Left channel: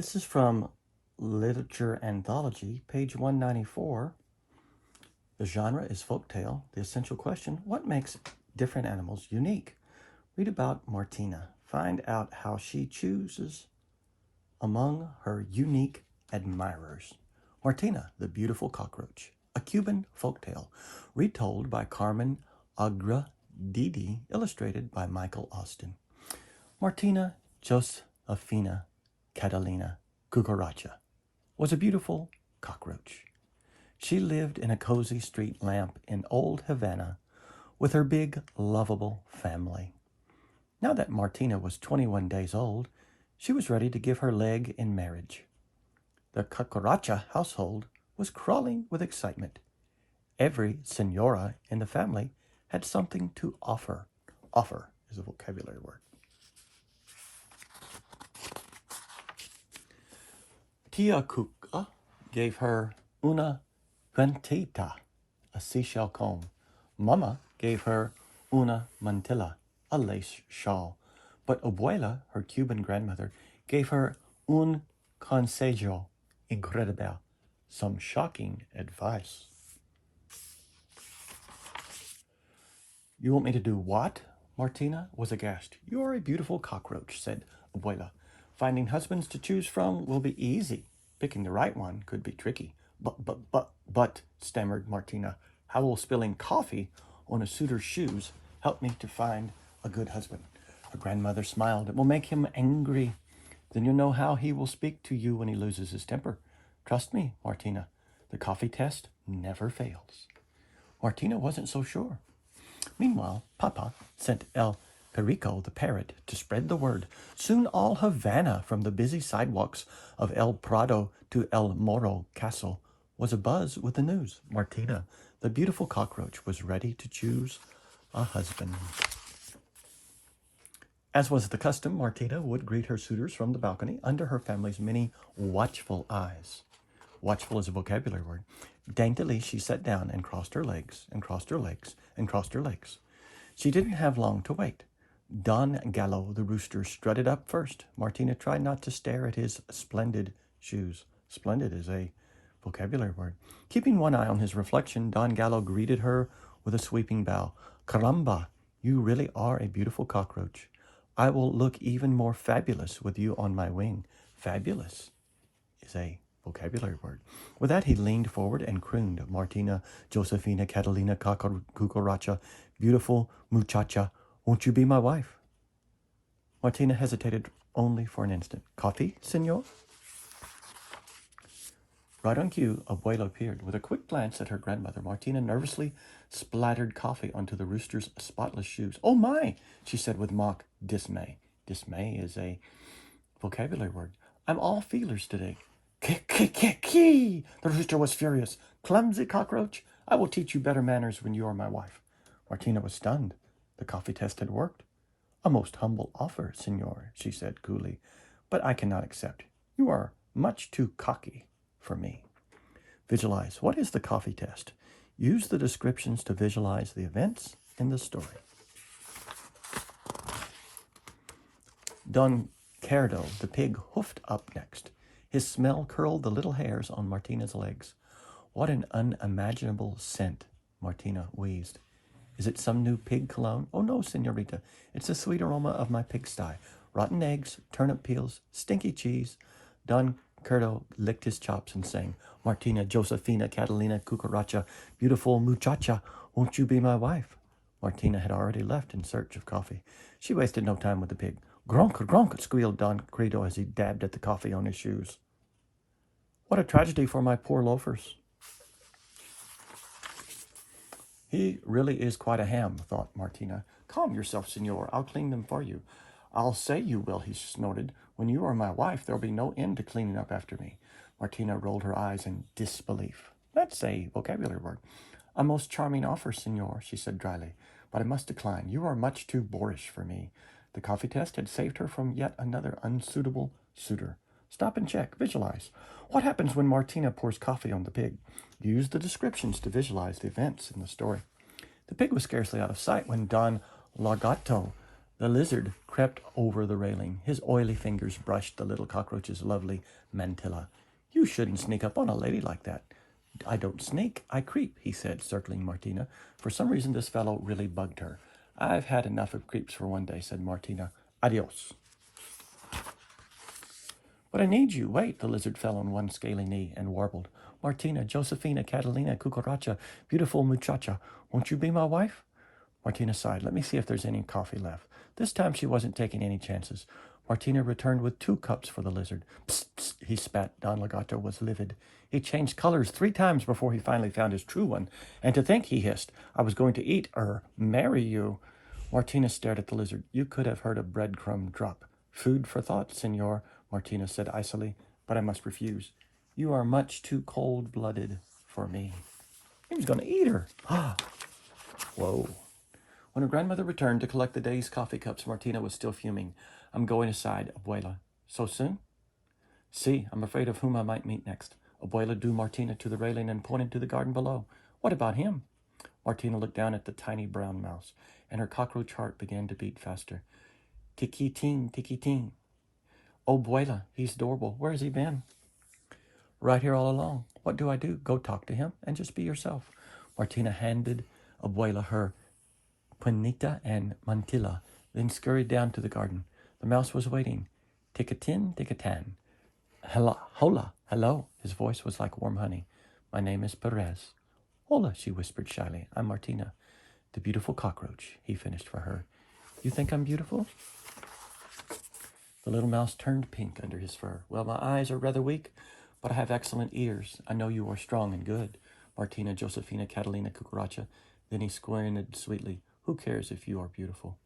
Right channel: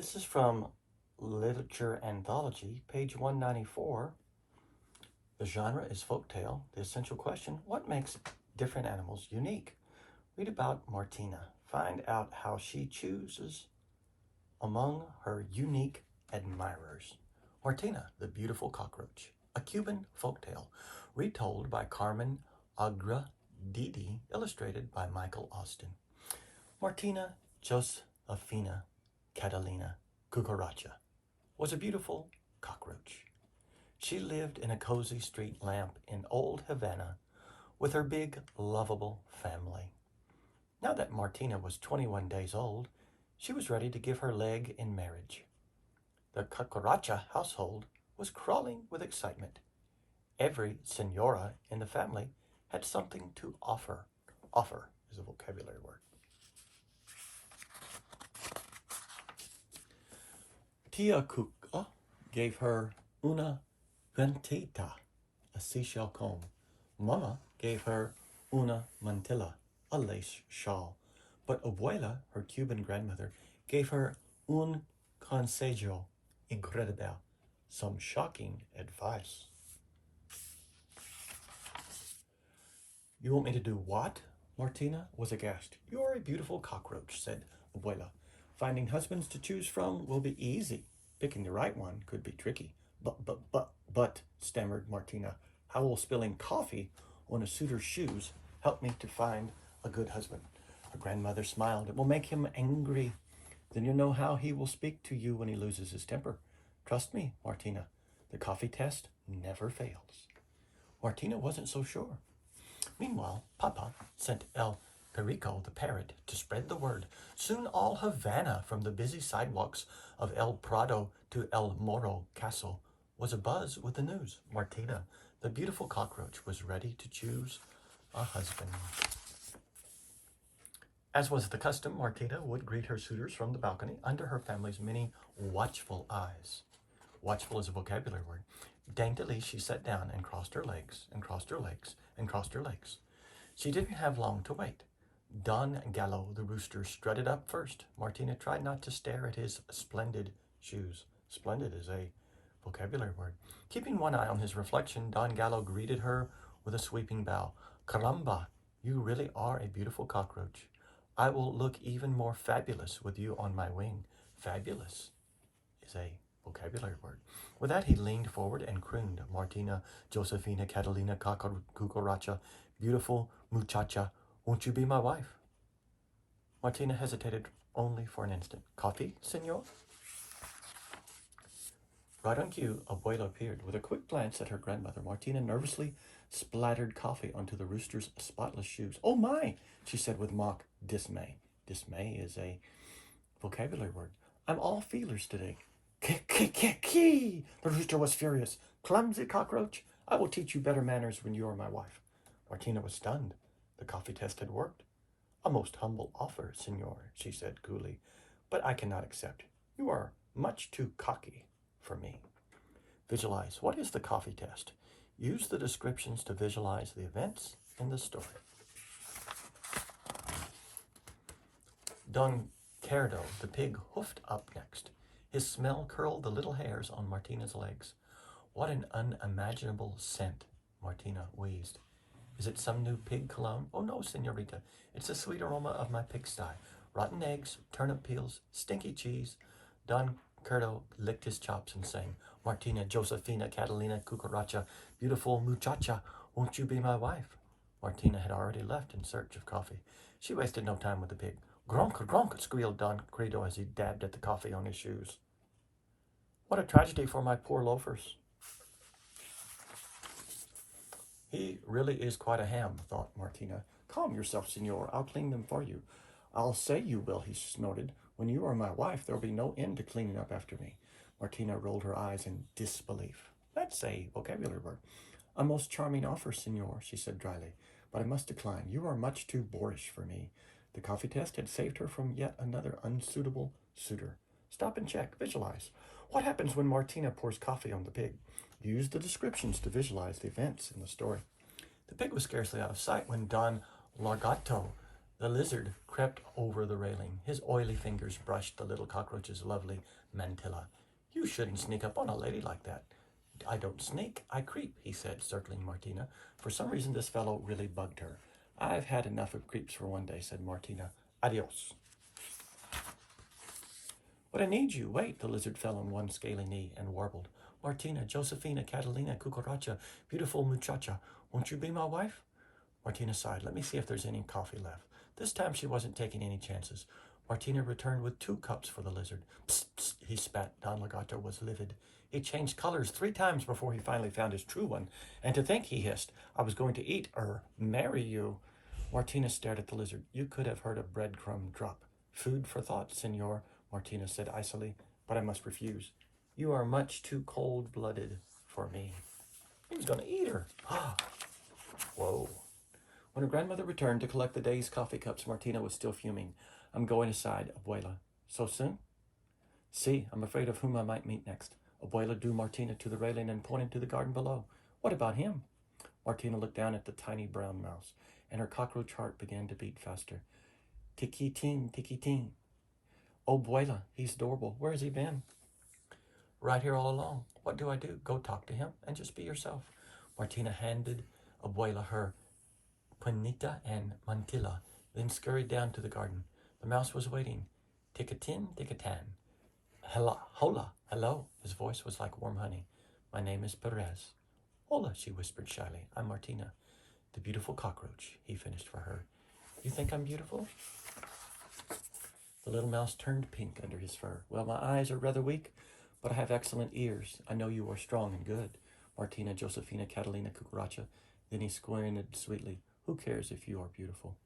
This is from Literature Anthology, page 194. The genre is folktale. The essential question, what makes different animals unique? Read about Martina. Find out how she chooses among her unique admirers. Martina, the beautiful cockroach, a Cuban folktale, retold by Carmen Agradidi, illustrated by Michael Austin. Martina Josefina Catalina Cucaracha was a beautiful cockroach. She lived in a cozy street lamp in old Havana with her big, lovable family. Now that Martina was 21 days old, she was ready to give her leg in marriage. The Cucaracha household was crawling with excitement. Every senora in the family had something to offer. Offer is a vocabulary word. Tia Cuca gave her una ventita, a seashell comb. Mama gave her una mantilla, a lace shawl. But Abuela, her Cuban grandmother, gave her un consejo incredible, some shocking advice. You want me to do what? Martina was aghast. You are a beautiful cockroach, said Abuela. Finding husbands to choose from will be easy. Picking the right one could be tricky. But, stammered Martina, how will spilling coffee on a suitor's shoes help me to find a good husband? Her grandmother smiled. It will make him angry. Then you know how he will speak to you when he loses his temper. Trust me, Martina, the coffee test never fails. Martina wasn't so sure. Meanwhile, Papa sent El Perico, the parrot, to spread the word. Soon all Havana, from the busy sidewalks of El Prado to El Moro Castle, was abuzz with the news. Martina, the beautiful cockroach, was ready to choose a husband. As was the custom, Martina would greet her suitors from the balcony under her family's many watchful eyes. Watchful is a vocabulary word. Daintily, she sat down and crossed her legs, and crossed her legs, and crossed her legs. She didn't have long to wait. Don Gallo, the rooster, strutted up first. Martina tried not to stare at his splendid shoes. Splendid is a vocabulary word. Keeping one eye on his reflection, Don Gallo greeted her with a sweeping bow. Caramba, you really are a beautiful cockroach. I will look even more fabulous with you on my wing. Fabulous is a vocabulary word. With that, he leaned forward and crooned, Martina Josefina Catalina Cucaracha, beautiful muchacha, won't you be my wife? Martina hesitated only for an instant. Coffee, senor? Right on cue, Abuela appeared. With a quick glance at her grandmother, Martina nervously splattered coffee onto the rooster's spotless shoes. Oh my, she said with mock dismay. Dismay is a vocabulary word. I'm all feelers today. Kee! The rooster was furious. Clumsy cockroach, I will teach you better manners when you are my wife. Martina was stunned. The coffee test had worked. A most humble offer, senor, she said coolly, but I cannot accept. You are much too cocky for me. Visualize. What is the coffee test? Use the descriptions to visualize the events in the story. Don Cardo, the pig, hoofed up next. His smell curled the little hairs on Martina's legs. What an unimaginable scent, Martina wheezed. Is it some new pig cologne? Oh no, senorita. It's the sweet aroma of my pigsty. Rotten eggs, turnip peels, stinky cheese. Don Curdo licked his chops and sang, Martina Josefina Catalina Cucaracha, beautiful muchacha, won't you be my wife? Martina had already left in search of coffee. She wasted no time with the pig. Gronk, gronk, squealed Don Credo as he dabbed at the coffee on his shoes. What a tragedy for my poor loafers. He really is quite a ham, thought Martina. Calm yourself, senor. I'll clean them for you. I'll say you will, he snorted. When you are my wife, there'll be no end to cleaning up after me. Martina rolled her eyes in disbelief. That's a vocabulary word. A most charming offer, senor, she said dryly, but I must decline. You are much too boorish for me. The coffee test had saved her from yet another unsuitable suitor. Stop and check. Visualize. What happens when Martina pours coffee on the pig? Use the descriptions to visualize the events in the story. The pig was scarcely out of sight when Don Lagato The lizard crept over the railing. His oily fingers brushed the little cockroach's lovely mantilla. You shouldn't sneak up on a lady like that. I don't sneak, I creep, he said, circling Martina. For some reason, this fellow really bugged her. I've had enough of creeps for one day, said Martina. Adios. But I need you. Wait, the lizard fell on one scaly knee and warbled. Martina, Josefina, Catalina, Cucaracha, beautiful muchacha, won't you be my wife? Martina sighed. Let me see if there's any coffee left. This time she wasn't taking any chances. Martina returned with 2 cups for the lizard. Psst, psst, he spat. Don Legato was livid. He changed colors 3 times before he finally found his true one. And to think, he hissed, I was going to eat or marry you. Martina stared at the lizard. You could have heard a breadcrumb drop. Food for thought, senor, Martina said icily, but I must refuse. You are much too cold-blooded for me. He was going to eat her. Ah. Whoa. When her grandmother returned to collect the day's coffee cups, Martina was still fuming. I'm going aside, Abuela. So soon? See, I'm afraid of whom I might meet next. Abuela drew Martina to the railing and pointed to the garden below. What about him? Martina looked down at the tiny brown mouse, and her cockroach heart began to beat faster. Tiki-ting, tiki-ting. Oh, Abuela, he's adorable. Where has he been? Right here all along. What do I do? Go talk to him and just be yourself. Martina handed Abuela her panita and mantilla, then scurried down to the garden. The mouse was waiting. Tick-a-tin, tick-a-tan. Hello, hola, hello. His voice was like warm honey. My name is Perez. Hola, she whispered shyly. I'm Martina, the beautiful cockroach, he finished for her. You think I'm beautiful? The little mouse turned pink under his fur. Well, my eyes are rather weak, but I have excellent ears. I know you are strong and good. Martina, Josefina, Catalina, Cucaracha. Then he squinted sweetly. Who cares if you are beautiful?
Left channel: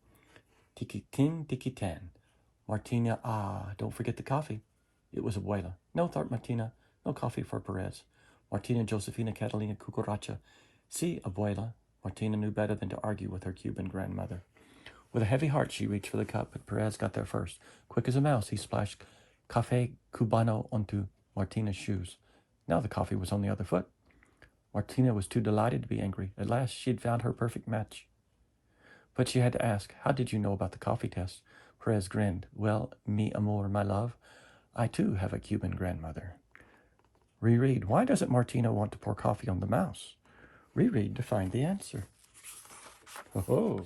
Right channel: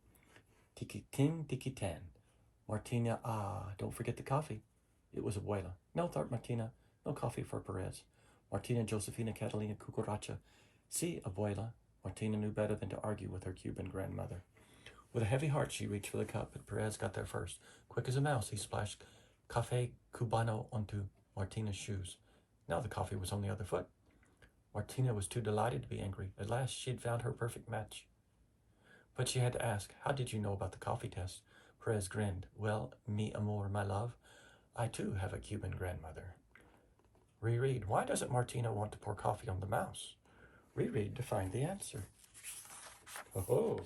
Tiki-tin, tiki-tan. Martina, don't forget the coffee. It was Abuela. No, thought Martina, no coffee for Perez. Martina, Josefina, Catalina, Cucaracha. See, Abuela. Martina knew better than to argue with her Cuban grandmother. With a heavy heart, she reached for the cup, but Perez got there first. Quick as a mouse, he splashed Café Cubano onto Martina's shoes. Now the coffee was on the other foot. Martina was too delighted to be angry. At last, she had found her perfect match. But she had to ask, how did you know about the coffee test? Perez grinned. Well, mi amor, my love, I too have a Cuban grandmother. Reread. Why doesn't Martina want to pour coffee on the mouse? Reread to find the answer. Oh.